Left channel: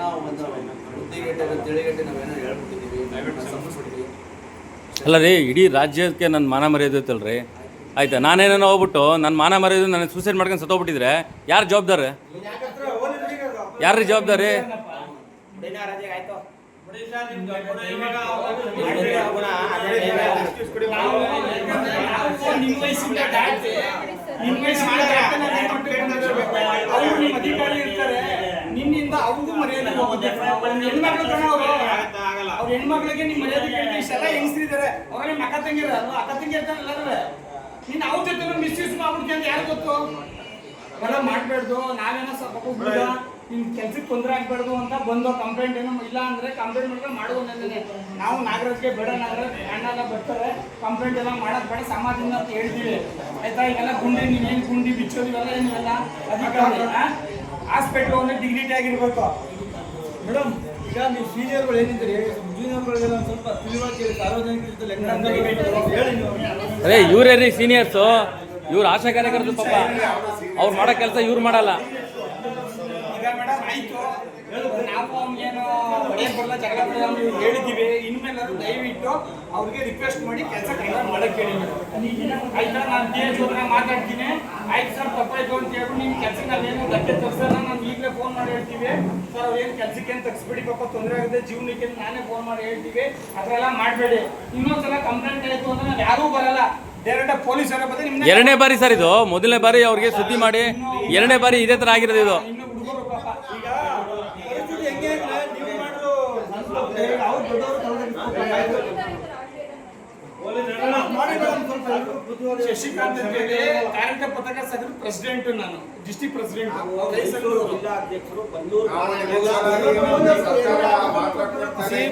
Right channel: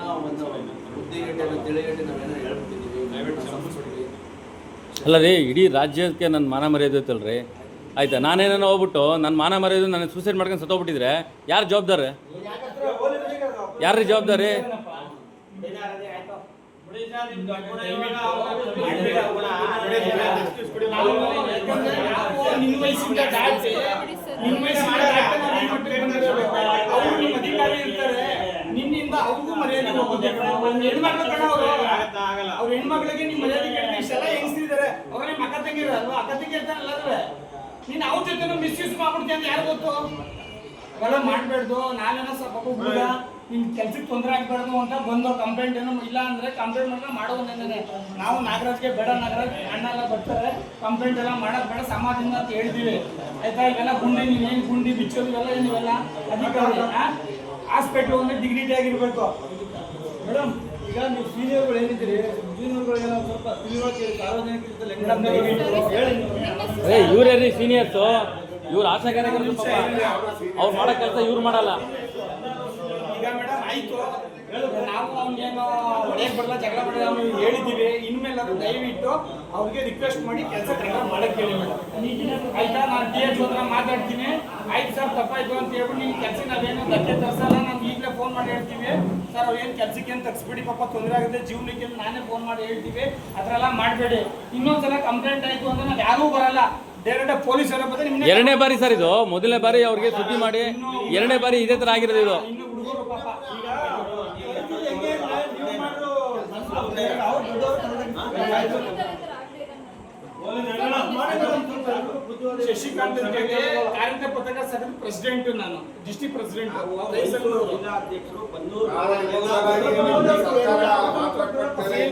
ಏನೋ ಒಂದು ಬುದ್ಧಿಗಟ್ಟೆ ತಿಳಿಗಟ್ಟೆ ನಾವೇನೋ ಹೇಳ್ಬಿಟ್ಟಿದ್ದೀವಿ. ಅಲ್ಲ ರೀ, ಇಡೀ ರಾಜ್ಯಕ್ಕೆ ನನ್ನ ಮಾನ ಮರ್ಯಾದೆ ಐತಲ್ರಿ. ಆಯ್ತಾ, ನಾನೇನೋ ಹೋಗ್ಬಿಟ್ಟು ನನ್ನ ಮಾನ ಮರ್ಯಾದೆ ನಾನು ಸೂಸೈಡ್ ಮಾಡ್ಕೊಂಡು ಸತ್ತೋಗ್ಬಿಟ್ಟಿದ್ರೆ ಯಾರು ಜವಾಬ್ದಾರಿ? ಯಾರ್ರೀ ಜವಾಬ್ದಾರಿ? ಅಧಿಕಾರಿ ಇರ್ತಾರೆ, ನಿನ್ನಿಂದ ಅವ್ರಿಗೂ ಮರ್ಯಾದೆ ಹೋಗುತ್ತೆ. ಹೆಣ್ಮಕ್ಳು ಕಣ ಅವರು, ಅವ್ರ ಹೆಣ್ಮಕ್ಳಿಗೆ ನಿಮ್ ಮರ್ಯಾದೆ ಕೇಳಿ ಇಷ್ಟೆಲ್ಲ ಹೆಂಗಸ್ತಿದ್ದಾರೆ. ಅವ್ರ ನಿಮ್ಮ ಅಕ್ಕ ತಂಗಿರ ಅಕ್ಕ ತಂಗಿ ಇರ್ತಾರಲ್ಲ, ನೀನ್ ಅವ್ರ ಜೊತೆ ಮಿಸ್ಯೂಸ್ ಮಾಡ್ಬಿಡ್ತೀಯ ಅಂತ ಯಾರು ಗೊತ್ತು? ಅವೆಲ್ಲ ಮಾಡ್ಬೇಡ್ದು. ನಾವೇನೋ ಸ್ವಲ್ಪ ಹುಡುಗ ನಿಮ್ ಕೆಲ್ಸಕ್ಕೆ ತೊಂದರೆ ಆಗ್ಬಾರ್ದು ಅಂತ ಬಂದು ಕಂಪ್ಲೇಂಟ್ ಏನೋ ಇಲ್ಲ ಅಂದ್ರೆ ಕಂಪ್ಲೇಂಟ್ ಮಾಡಿದ್ರೆ ಮಾಡೋದೇನೆ. ನಾವು ನಾಗರಾಜ್ಗೆ ಬೇಡ, ನಾಗರಾಜ್ ಅಣ್ಣೆಲ್ಲ ಬರ್ತಾರೆ, ಕಂಪ್ಲೇಂಟ್ ಎಲ್ಲ ಮಾಡೋದು ಬೇಡ ಸಮಾಜದಿಂದ ಅಂತ ಹೇಳ್ತೀವಿ. ಆಯ್ತಾ? ಇವೆಲ್ಲ ಗುಂಡಿ, ನೀವೇನು ಗುಂಡಿ ಬಿಚ್ಚೋದು ಇವೆಲ್ಲ ಏನಿವೆಲ್ಲ ಅಧಿಕಾರಿ ಹಾಸ್ಪಿಟ್ಲ್ ಒಂದು ಡಿಗ್ನಿಟಿ ಆಗಿರ್ಬೇಕು. ಮೇಡಮ್, ಈಗ ನೀವು ಸೀನಿಯರ್ಗಳು ಏನಿದ್ದೀರಿ, ಜೂನಿಯರ್ಗಳಿಗೆಲ್ಲ ಸ್ವಲ್ಪ ತಿಳುವಳಿಕೆ ಸಾರ್ವಜನಿಕರಲ್ಲಿ ಅದೇ ಇವರೇ ರೀ ಸೀನಿಯರ್ಸು. ಇವ್ರು ಆಶಾ ಕಾರ್ಯಕರ್ತರು, ಪಾಪ ಅವ್ರು ಮಾಡೋ ಕೆಲಸ ಇವ್ರು ಮಾಡಲ್ಲ. ಈಗ ಮೇಡಮ್ ಆಯ್ತು, ನಾವು ಅವ್ನೇನು ಹೊಡೆಯಕ್ಕೆ ಬರಲ್ಲ, ಜಗಳ ಬರಲ್ಲ ನಾವು ಹೇಳಿದ್ದೀವಿ. ಇನ್ಮೇಲೆ ದಯವಿಟ್ಟು ಅವ್ರಿಗೆ ರಿಕ್ವೆಸ್ಟ್ ಮಾಡಿ ಕೆಲಸ ಕೈಗೊಂಡು ಮಾಡಕ್ಕೆ ಹೇಳಿ ಮೇಡಮ್. ಆಯ್ತಾ? ನಾನು DH ಹತ್ರ ಮಾತಾಡ್ತೀನಿ. ಆಯ್ತು ಸರ್, ತಪ್ಪಾಯ್ತು ಅಂತ ಹೇಳ್ಬಿಟ್ಟು ನಿಮ್ಮ ಕೆಲಸ ನಾವೇನು ಧಕ್ಕೆ ತರಿಸಲ್ಲ. ನಾನು ಈಗಲೇ ಫೋನ್ ಮಾಡಿ ಹೇಳ್ತೀವಿ ಸರ್, ಅವೇನು ಕೆಲಸಕ್ಕೆ ಏನು ತಗ್ಸ್ಬಿಡಿ, ಪಾಪ ತೊಂದರೆ ಆಗುತ್ತೆ ಜೀವನಕ್ಕೆ, ನಾನೇ ಫೋನ್ ಮಾಡಿ ಹೇಳ್ತೀವಿ. ಅದರೆಲ್ಲ ಮಾಡಬೇಡಿ. ಇನ್ನೊಂದ್ಸಲ ಕಂಪ್ಲೇಂಟ್ ಆಯಿತು ಅಂದ್ರೆ ನಾವು ಯಾರೂ ಬರಲ್ಲ, ಡೈರೆಕ್ಟ್ ಪೊಲೀಸರ ಬಂದ್ರೆ ನಿಮ್ಗೆ. ಎರಡನೇ ಬಾರಿ ಸರ್ ಇದು. ಮೊದಲನೇ ಬಾರಿ ಅವ್ರಿಗೆ ಸುದ್ದಿ ಮಾಡಿ, ಎರಡನೇ ಬಾರಿ ಇದೇ ಥರ ಆಗಿರೋದು ಇದು. ಇನ್ನು ಹುಡುಗರು ಪಾಪ ಈಗ ಶಶಿಕಾಂತ್ ಕಾರ್ಯಕ ಪತ್ರಕ ಸಂಘದ ಪ್ರೆಸಿಡೆಂಟ್, ನಾನು ಡಿಸ್ಟ್ರಿಕ್ಟ್ ಪ್ರೆಸಿಡೆಂಟ್. ಜಿಲ್ಲಾಧ್ಯಕ್ಷರು ಬನ್ನೂರು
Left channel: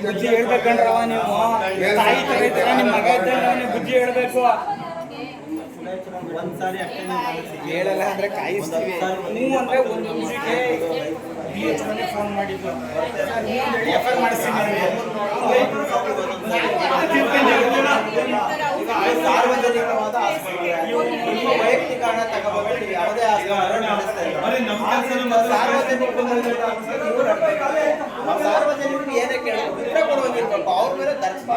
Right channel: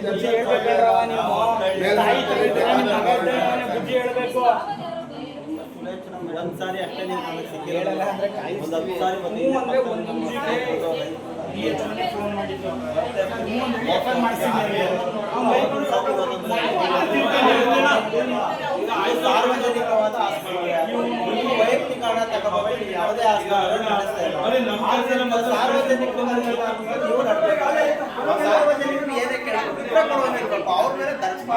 ಬುದ್ಧಿ ಹೇಳ್ಬೇಕಂಡ್ರವ ನೀವು. ತಾಯಿ ತರ ಇದ್ದಾರೆ, ನಿಮ್ಮ ಮಗ ಇದ್ದಾನೆ, ಬುದ್ಧಿ ಹೇಳ್ಬೇಕು. ಒಂದ್ಸಾರಿ ಅಷ್ಟೇ ಹೇಳಲ್ಲ ಅಂದ್ರೆ ಕಾಯಿಸ್ತೀವಿ. ನೀವು ಅಂದ್ರೆ ಒಂದು ನಿಮಿಷಕ್ಕೆ DH ಮನೆ ಫೋನ್ ಮಾಡಿದ್ದು ಎಫ್ಐಆರ್ ಮಾಡಿಸ್ತೀನಿ. ಸಾರ್ವಜನಿಕವಾದ ನಿಮ್ಮ ವೈಯಕ್ತಿಕ ಹಣ ತಗೋಬೇಕು, ಯಾವುದೇ ಸಾರ್ವಜನಿಕರು ಏನಕ್ಕೆ ಅವ್ರ ಮೇಲೆ ದರ್ಶನ